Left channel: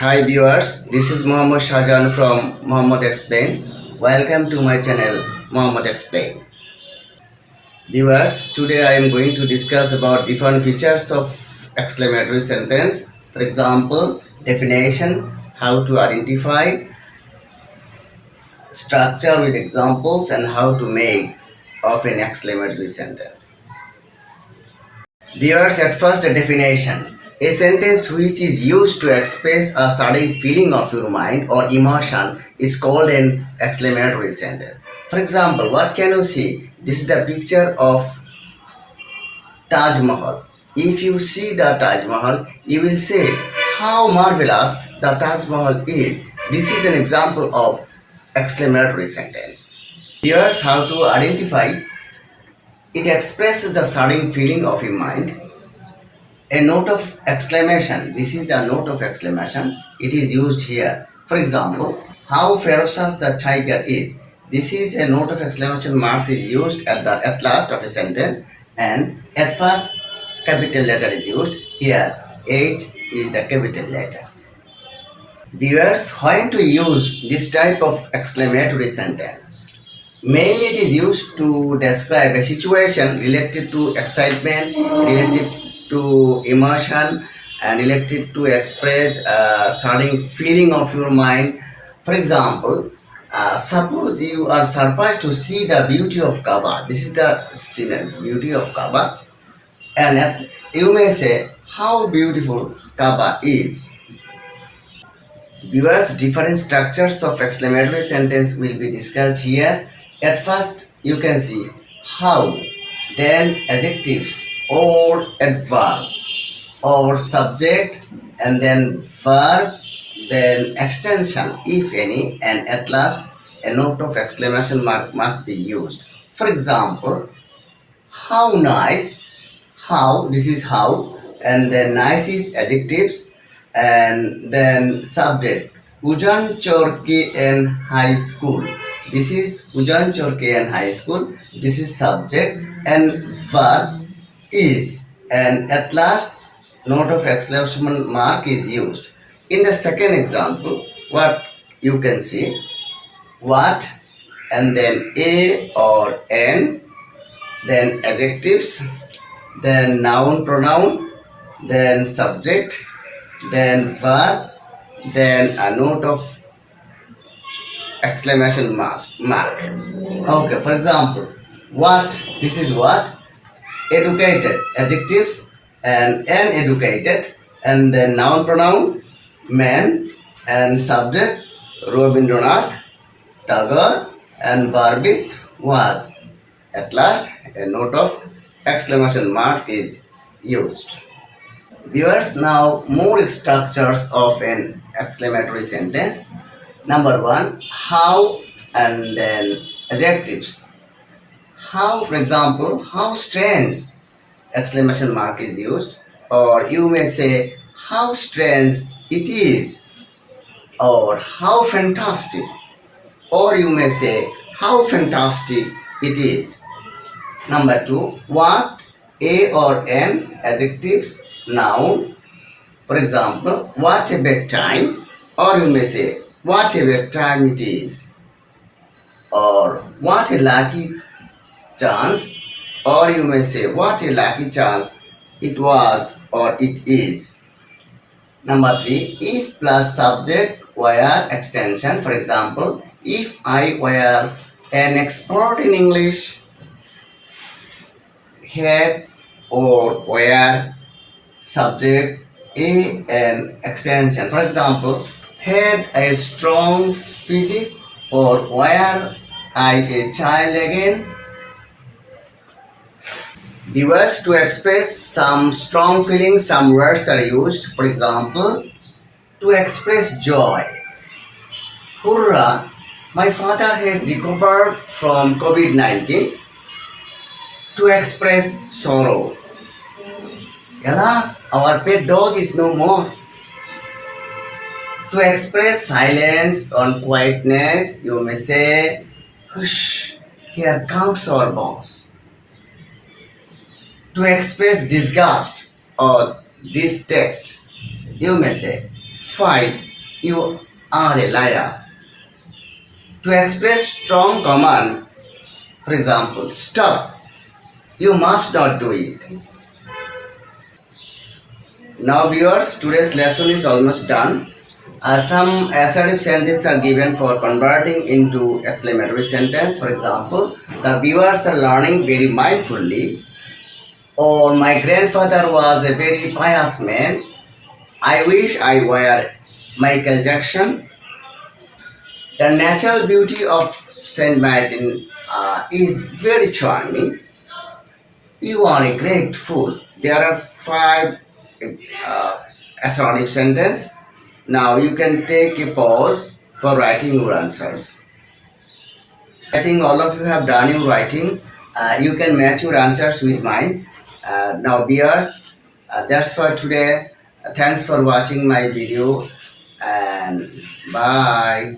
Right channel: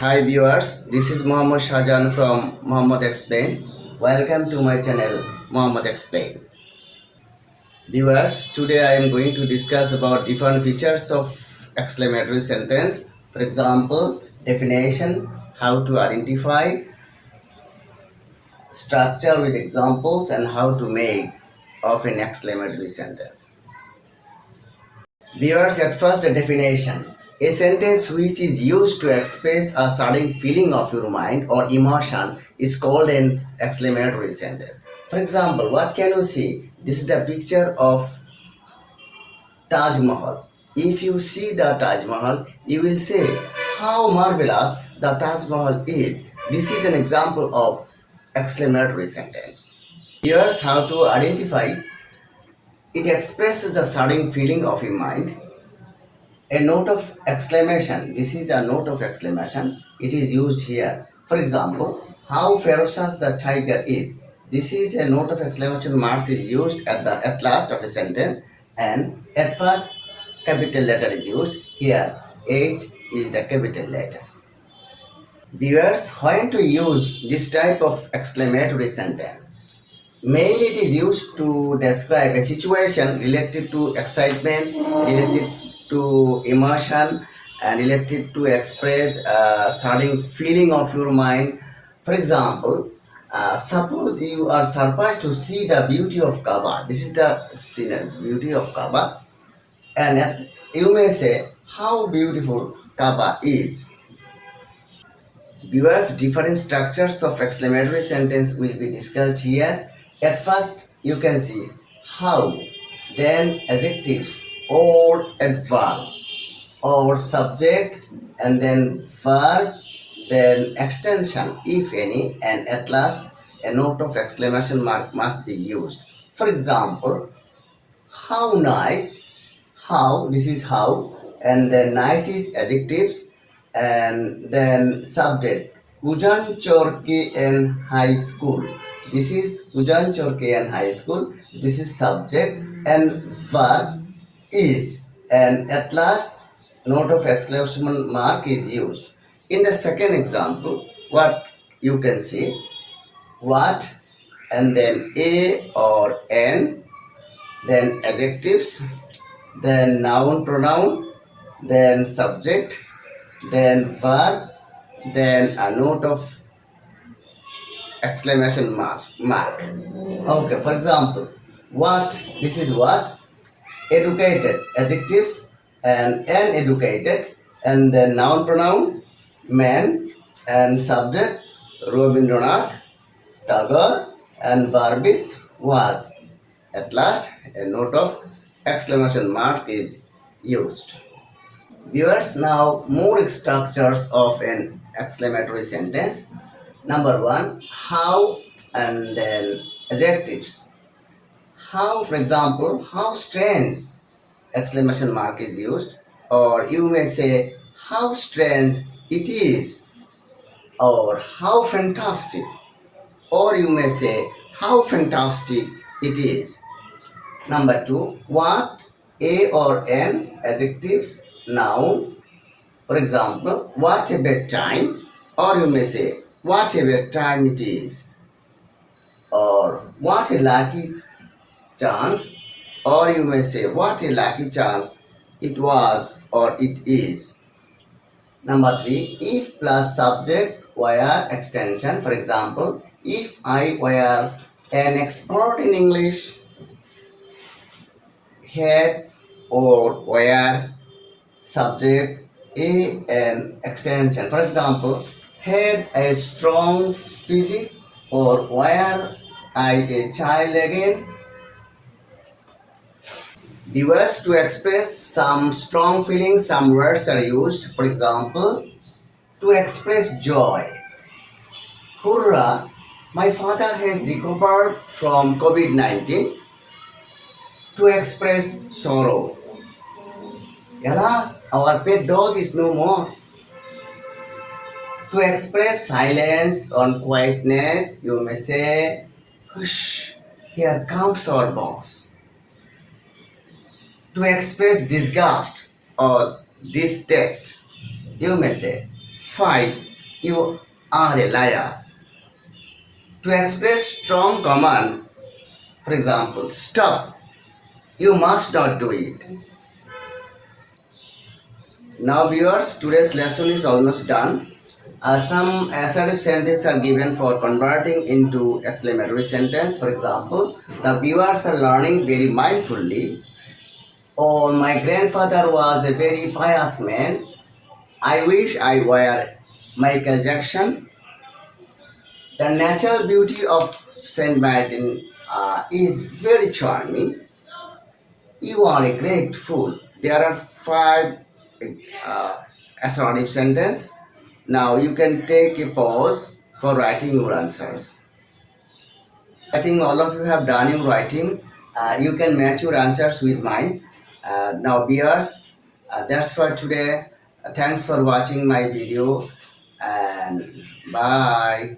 Hi viewers, this is Muhammad Shahjan from Muhammad Explain. Welcome to my channel Muhammad Explain. Viewers, today I am going to discuss about different features of exclamatory sentence. For example, definition, how to identify, structure with examples, and how to make of an exclamatory sentence. Viewers, at first a definition. A sentence which is used to express a certain feeling of your mind or emotion is called an exclamatory sentence. For example, what can you see? This is the picture of Taj Mahal. If you see the Taj Mahal, you will say how marvelous the Taj Mahal is. This is an example of exclamatory sentence. Here's how to identify. It expresses the certain feeling of your mind. A note of exclamation. This is a note of exclamation. It is used here. For example, how ferocious the tiger is. This is a note of exclamation marks is used at last of a sentence, and at first capital letter is used. Here H is the capital letter. Viewers, when to use this type of exclamatory sentence? Mainly it is used to describe a situation related to excitement, related to emotion, and related to express a certain feeling of your mind. For example, suppose you are surprised to see the beauty of Kaaba. This is the beauty of Kaaba, and you may say how beautiful Kaaba is. Viewers, different structures of exclamatory sentence will be discussed here. At first, you can see how, then adjectives or adverb or subject, and then verb, then extension, if any, and at last a note of exclamation mark must be used. For example, how nice, how, this is how, and then nice is adjectives, and then subject. Ujan Chorke High School. This is Ujan Chorke High School. This is subject, and verb is, and at last note of exclamation mark is used. In the second example, what you can see, what, and then a or n, then adjectives, then noun pronoun, then subject, then verb, then a note of exclamation mark. Okay, for example, what, this is what, educated, adjectives, and uneducated, and then noun pronoun, man, and subject, Rabindranath Tagore, and verb is was. At last, a note of exclamation mark is used. Viewers, now more structures of an exclamatory sentence. Number one, how, and then adjectives. How, for example, how strange, exclamation mark is used, or you may say how strange it is, or how fantastic, or you may say how fantastic it is. Number two, what, a or n, adjectives, noun. For example, what a bedtime, or you may say what a bedtime it is, or what a lucky chance, or you may say what a lucky chance it was or it is. Number three, if plus subject were extension. For example, if I were an expert in English, had or were subject a an extension. For example, had a strong physique, or were I a child again. The words to express some strong feelings, some words are used. For example, to express joy. Hurrah! My father has recovered from COVID-19. To express sorrow. Alas, our pet dog is no more. To express silence or quietness, you may say, hush, here comes our boss. To express disgust or distaste, you may say, fine, You are a liar. To express strong command, for example, stop. You must not do it. Now, viewers, today's lesson is almost done. Some assertive sentences are given for converting into exclamatory sentence. For example, the viewers are learning very mindfully. Or my grandfather was a very pious man. I wish I were Michael Jackson. The natural beauty of Saint Martin is very charming. You are a great fool. There are five uh, assertive sentences. Now you can take a pause for writing your answers. I think all of you have done your writing. You can match your answers with mine. Now, viewers, that's for today. Thanks for watching my video and bye.